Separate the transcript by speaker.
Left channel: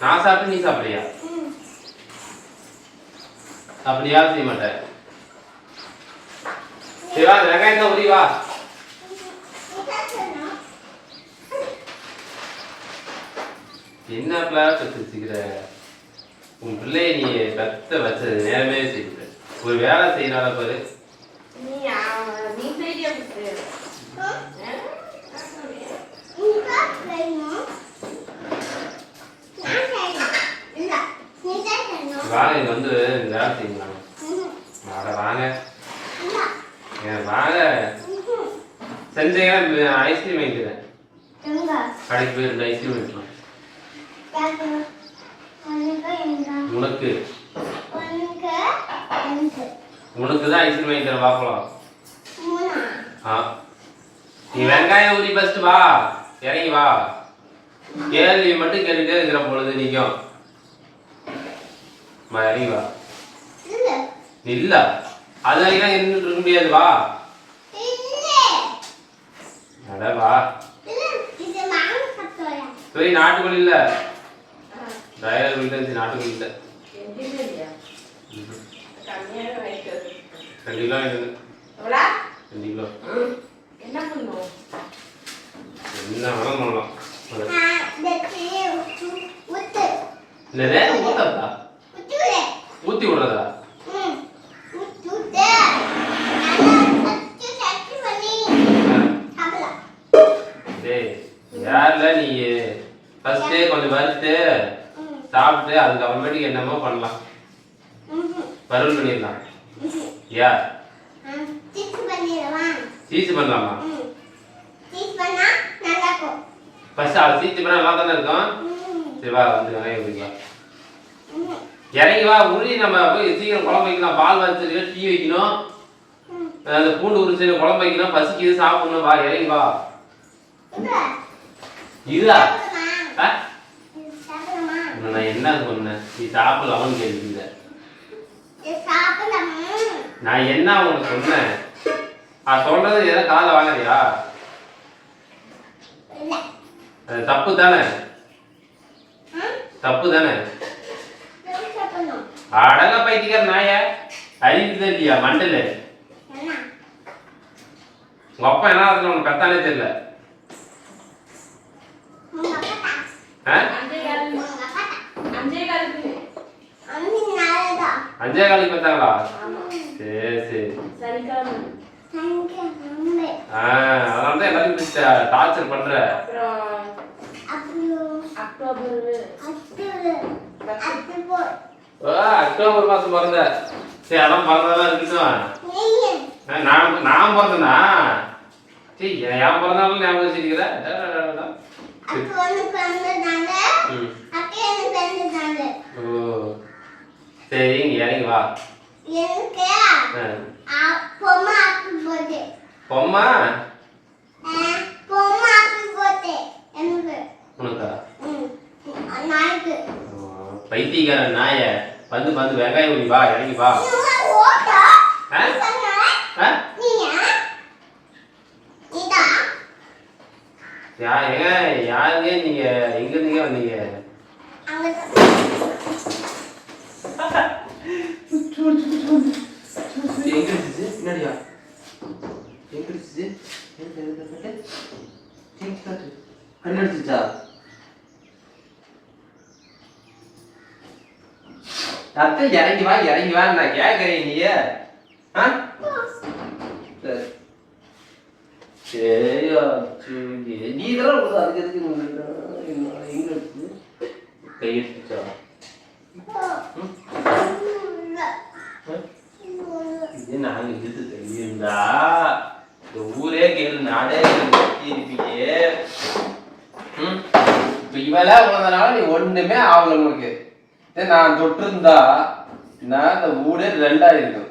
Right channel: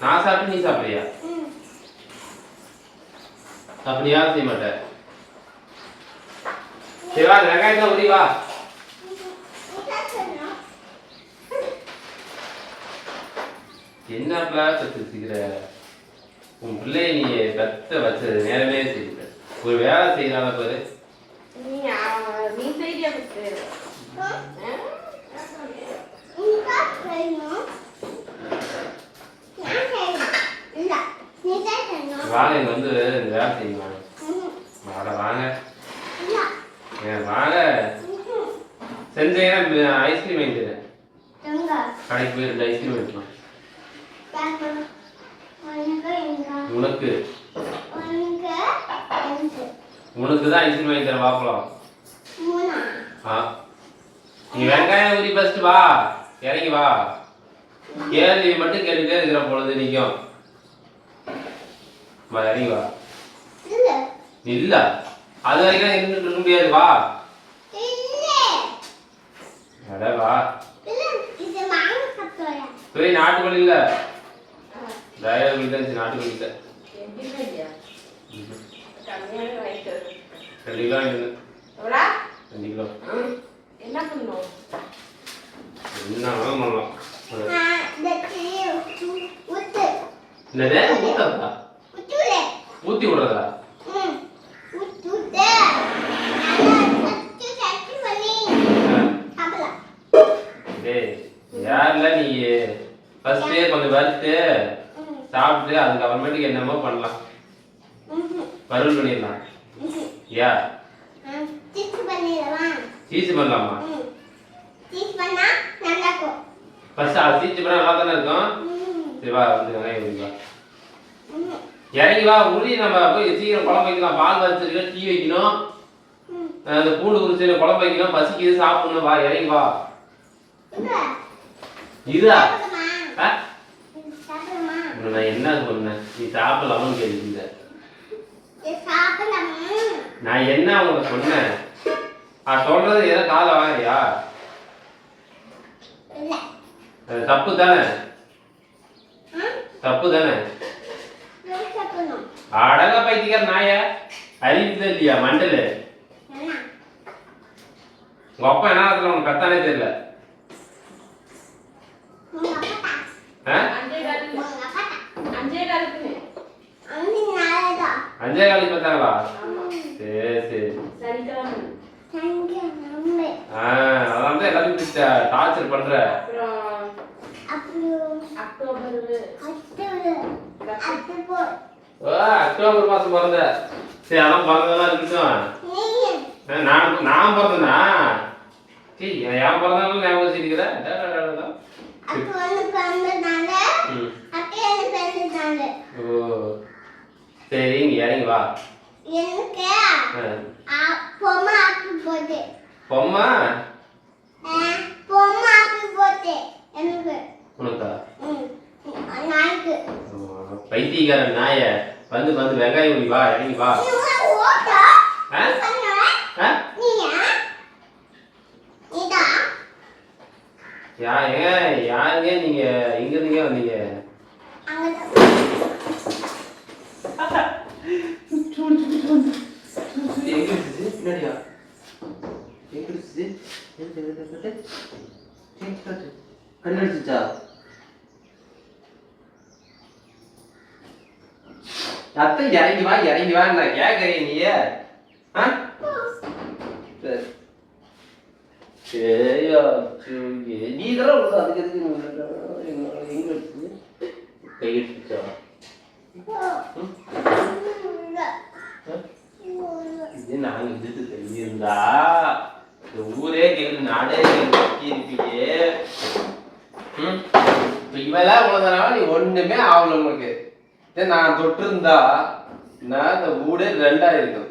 Speaker 1: நான் சாப்பிட்டு நீ சாப்பிடுறியா? அப்படியா செய்ய மாட்டேன். சரி வா இந்த வெங்காயத்தை உரி வா. என்னப்பா உன் பிள்ளைய நீ பெத்த வச்சது நேரமே செய்யல ஒரு வேலை செய்யறால பாரு
Speaker 2: நீ அவ- நீ செய்தியா புட்டு
Speaker 1: வாங்க வந்து இந்த வேலை செய்யுங்க. வாங்க வாங்க. ஏன் வாங்க. செஞ்சீங்கன்னா ஐஸ்கிரீம் வாங்கிக்கிறேன் கடைக்கு போய் ரெண்டு ஐஸ்கிரீம் வாங்கிக்கலாம் உனக்கு. உனக்கு தான் ஐஸ்கிரீம் வாங்கி தரேன் பார்க்கலாம் ஆ. நீ வெங்காயம் ஊறி ஃபஸ்ட்டு வா. இறங்கி வா. கேள்வி மட்டும் கேட்டுக்கிட்டே இருக்கிற பொழுது நிற்கும் வா இறங்கி வா இல்ல. அது வரைக்கும் இருந்துட்டு முடியாது வா. அட வா. போய் நாட்டுக்கோழி இல்ல. டயர் கோழி தான் நாட்டுக்கோழி இல்ல. ரெண்டு கிலோ கிலோ.
Speaker 2: என்ன பண்ணும்?
Speaker 1: என்ன பண்ணலாம். என்னது? ஊத்தி விடுறதா? யாருல நீ. ஃபர்ஸ்ட் கொஞ்சம் வறுத்து சாப்பிட்டு அதுக்கப்புறமேட்டுக்கு என்னமோ பண்ணலாம். வறுவல் பண்ணிடலாம். யா? சீச்சு பண்ணலாமா? ஃபர்ஸ்ட் அது சீச்சு பண்ணா நல்லா தானே இருக்கும் சரி வா வந்து வெங்காயம் வைக்கலாம் இறங்கி வா நம்ம போய் சீக்கிரம் குழம்பு வைக்கலாம். பால் வச்சிருக்கோம் டீ வைக்கணும். அந்த பூண்டு உரிச்சு குழம்பு வைக்கணும். பசிக்குது சாப்பிடணும்? வா இறங்கி வா. இதா ஆ? உன்னை நான் என்ன சொன்னேன்? நீ சாப்பிடலாம்னு கேள்வி நான் என்ன உனக்கு சொன்னேன்? நான் சொல்றது எதை காதை வாங்குறியா? அது தப்பு தானே? தப்பு தானே? அடங்க பைத்தியக்கார நாய. அறிவுதான் இல்லையா மண்டல? உங்க அப்பா என்ன ஆகுதுன்னு உனக்கு கத்தானே தெரியல. ஆ?
Speaker 2: அஞ்சே காலுக்கு
Speaker 1: பார்த்தாங்களா
Speaker 2: ஆமா
Speaker 1: சரி சரி. ஆ அதான் தான் எல்லாத்தையும் டார்ச்சர் பண்ற.
Speaker 2: அப்புறம் அக்டோபர்.
Speaker 1: ஓ அக்டோபர் மாசம் பிறந்த. சரி அதான் பிறந்ததெல்லாம் இருக்கட்டும் நான் நான் பிறந்தனா? சரி என் பிறந்தாலும் ஞாபகம் வச்சிருக்கிற டா, டா, டா, டா. ம். ஓ சரி இங்க இறங்கி வா. ஆ. பொம்மா உனக்கா?
Speaker 3: நாய்க்கு.
Speaker 1: பைத்தியக்காரன் நாய வந்து வந்து வெங்காயம் உரி வா இறங்கி வா
Speaker 3: ஓட்டா
Speaker 1: ஆ?
Speaker 3: நீங்க இதா
Speaker 1: யா ஏங்க யாருங்க நீங்க எங்க இருந்தீங்க வந்தீங்க
Speaker 3: அங்க
Speaker 1: எங்க இருந்துச்சு பின்னாடியா எங்க இருந்துச்சு எங்க சத்து இறங்கி வா இறங்கி வா நான் கேட்கறேன் ஆ? சரி. சரியா சரி நீ இதெல்லாம் உனக்கு அதுக்கு எதுக்கு எங்க இருக்குது இது நான் இழுத்து தெரியிருந்தா இந்த ஊரே கேளு நாடே இருப்பீங்க ம்? இவெல்லாம் உலகனால நீ ஒண்ணுமே ஆகல உங்களுக்கு நான் தொட்டிருந்தா நான் அந்த மூடே ரெண்டாயிருக்கும்.